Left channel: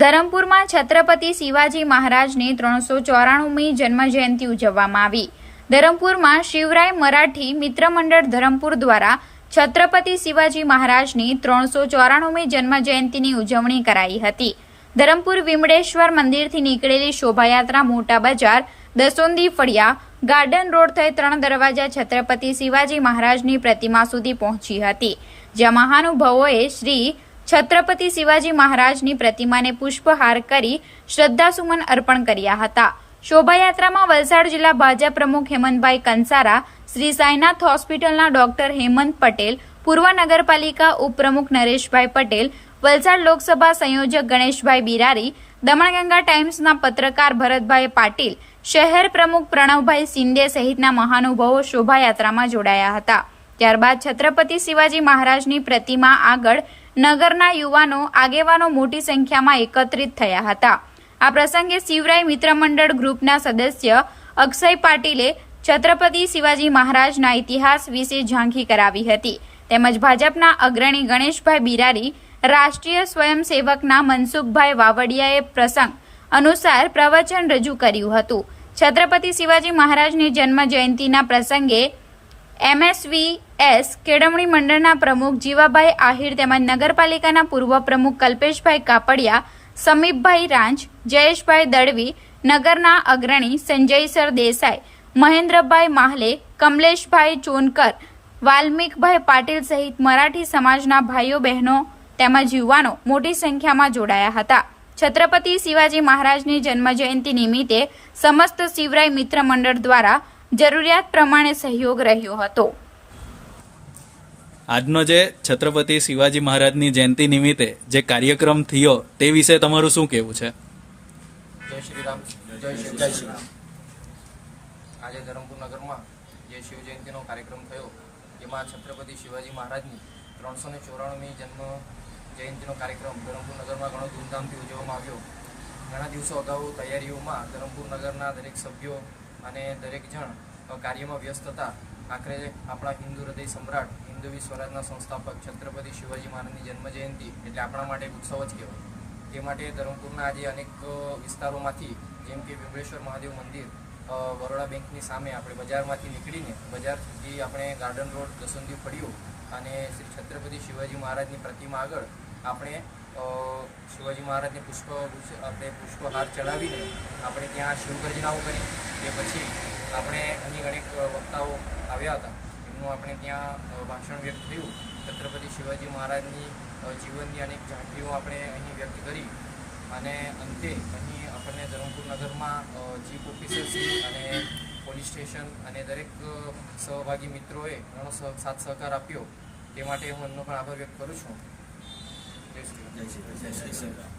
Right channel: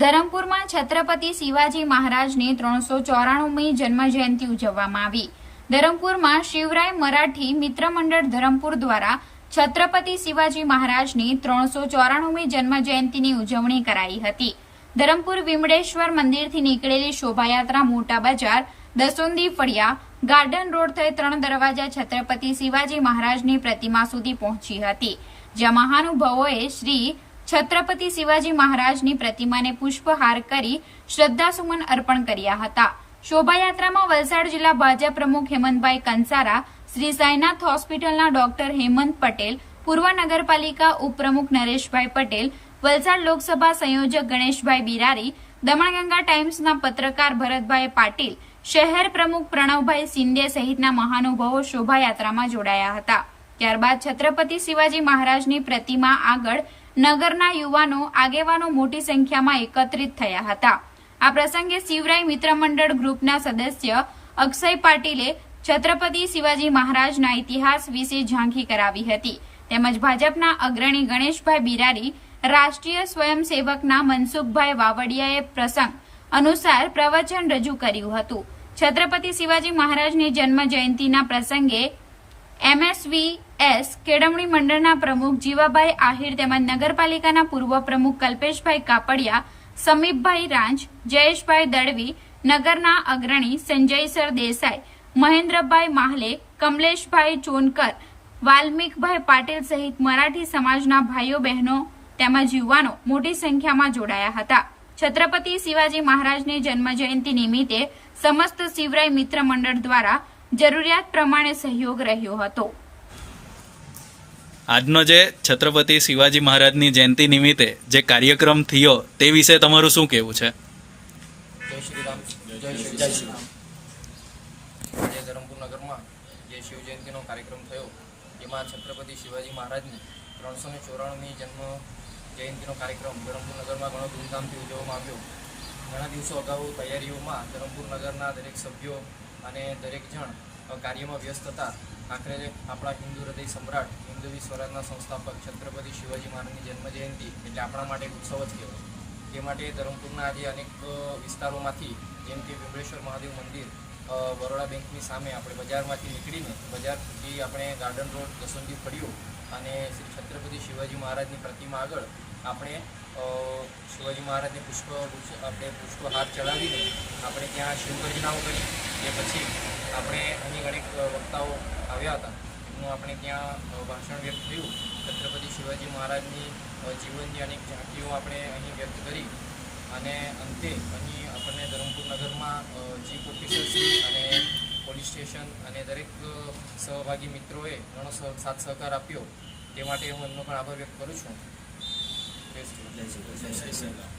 ધરમપુરમાં છત્રપતિ શિવાજી મહારાજની 394મી જન્મજયંતિ ઉજવવામાં આવી। ધરમપુરમાં શિવરાય મરાઠી મિત્ર મંડળ ધરમપુર દ્વારા છત્રપતિ શિવાજી મહારાજની 394મી જન્મજયંતિની ઉજવણી કરાઈ હતી। ધરમપુર વિમળેશ્વર મંદિરથી નીકળેલી શોભાયાત્રા મોટા બજાર, દસોંદી ફળિયા, ગાર્ડન રોડ થઈ 3 દરવાજા છત્રપતિ શિવાજી મહારાજની પ્રતિમા સુધી પહોંચી હતી, જ્યાં મહાનુભાવોએ શ્રી છત્રપતિ શિવાજી મહારાજની પ્રતિમાને પુષ્પહાર કરી શ્રદ્ધાસુમન અર્પણ કર્યા હતા। શોભાયાત્રામાં વલસાડ જિલ્લા ભાજપ પ્રમુખ હેમંતભાઈ કંસારા, શ્રી સાઈનાથ હોસ્પિટલના ડોક્ટર હેમંત પટેલ, પૂર્વ નગરપાલિકા ઉપપ્રમુખ નરેશભાઈ પટેલ, વલસાડ લોકસભા સંયોજક ગણેશભાઈ બિરારી, દમણગંગા ટાઈમ્સના પત્રકાર ભરતભાઈ પાટીલ, શહેર પ્રમુખ પ્રણવભાઈ શિંદે સહિતના મહાનુભાવો શોભાયાત્રામાં જોડાયા હતા। ત્યારબાદ છત્રપતિ શિવાજી મહારાજની પ્રતિમા આગળ નગરના યુવાનો આગેવાનો મોટી સંખ્યામાં એકત્રિત થયા હતા। આ પ્રસંગે શિવરાય મિત્ર મંડળ ગ્રુપના સદસ્ય અક્ષય પાટીલે છત્રપતિ શિવાજી મહારાજના ઇતિહાસ વિશે ઝાંખી કરાવી હતી, તેમજ ભાજપના અગ્રણી ગણેશભાઈ બિરારી, રાષ્ટ્રીય સ્વયંસેવકના મનસુખભાઈ વાવડિયાએ પ્રસંગ અનુસાર પ્રવચન રજૂ કર્યું હતું। છત્રપતિ શિવાજી મહારાજની જન્મ જયંતિના પ્રસંગે MSVS કેળવણી મંડળના પ્રમુખ જીવાભાઈ આહિર તેમજ નગરપાલિકાના પૂર્વ પ્રમુખ કલ્પેશભાઈ કાપડિયા, સમીપભાઈ રાંચ, જયેશભાઈ દળવી, નગરના અગ્રણી સંજયસર દેસાઈ, મહેન્દ્રભાઈ માહલે, કમલેશભાઈ ચોનકર, વાલ્મીકભાઈ પાટીલ સહિત મરાઠી સમાજના ભાઈઓ બહેનો તેમજ યુવાનો મોટી સંખ્યામાં જોડાયા હતા। છત્રપતિ શિવાજી મહારાજની જન્મજયંતિ નિમિત્તે સમસ્ત શિવરાય મિત્ર મંડળ દ્વારા જરૂરિયાત પ્રમાણે સહયોગ રહ્યો હતો। આજનો જે છત્રપતિ શિવાજી મહારાજની જયંતિ નિમિત્તે જે કાર્યક્રમ થયો તે વિશે તમારું શું કહેવું છે? જય શ્રી રામ, જય શ્રી રામ। આજે ધરમપુર નગરમાં જે શિવ જયંતિનો કાર્યક્રમ થયો, જેમાં છત્રપતિ શિવાજી મહારાજની 394મી જન્મ જયંતિનો કાર્યક્રમ ધરમપુર નગરમાં ઘણો ધૂમધામથી ઉજવવામાં આવ્યો। ઘણા દિવસો અગાઉ તૈયારીઓમાં ધરમપુર નગરના દરેક સભ્યો અને દરેક જણ કાર્યમાં વ્યસ્ત હતા। આખરે આપણા હિન્દુ હૃદય સમ્રાટ, હિન્દવી સ્વરાજના સંસ્થાપક છત્રપતિ શિવાજી મહારાજની જન્મજયંતિ એટલે આપણા માટે એક ઉત્સવ જ કહેવાય। તે માટે ધરમપુરના આજે અનેક વિસ્તારોમાંથી, જેમ કે વિમળેશ્વર મહાદેવ મંદિર, બરોડા બેંકની સામે આપણે બજારમાંથી નીકળીને બજારથી આપણે ગાર્ડન રોડ, દસોંદી ફળિયું અને શ્રી છત્રપતિ શિવાજી મહારાજની પ્રતિમા આગળ આપણે શિવાજી મહારાજને પુષ્પહાર ચડાવીને આપણે ત્યાં શિવગર્જનાઓ કરી। તે પછી આપણે અહીં અનેક વક્તાઓ આવ્યા હતા, એમનું આપણે ત્યાં ભાષણ વ્યક્ત થયું। છત્રપતિ શિવાજી મહારાજની જીવનની અનેક ઝાંખીઓ આપણે અહીં વ્યક્ત કરી અને અંતે અહીં આપણને ધરમપુર નગરમાં ચીફ ઓફિસરશ્રી અને પોલીસ સ્ટેશન અને દરેક સહભાગી મિત્રોએ ઘણો સાથ સહકાર આપ્યો। તે માટે હું એમનો પણ આભાર વ્યક્ત કરું છું। જય શ્રી રામ।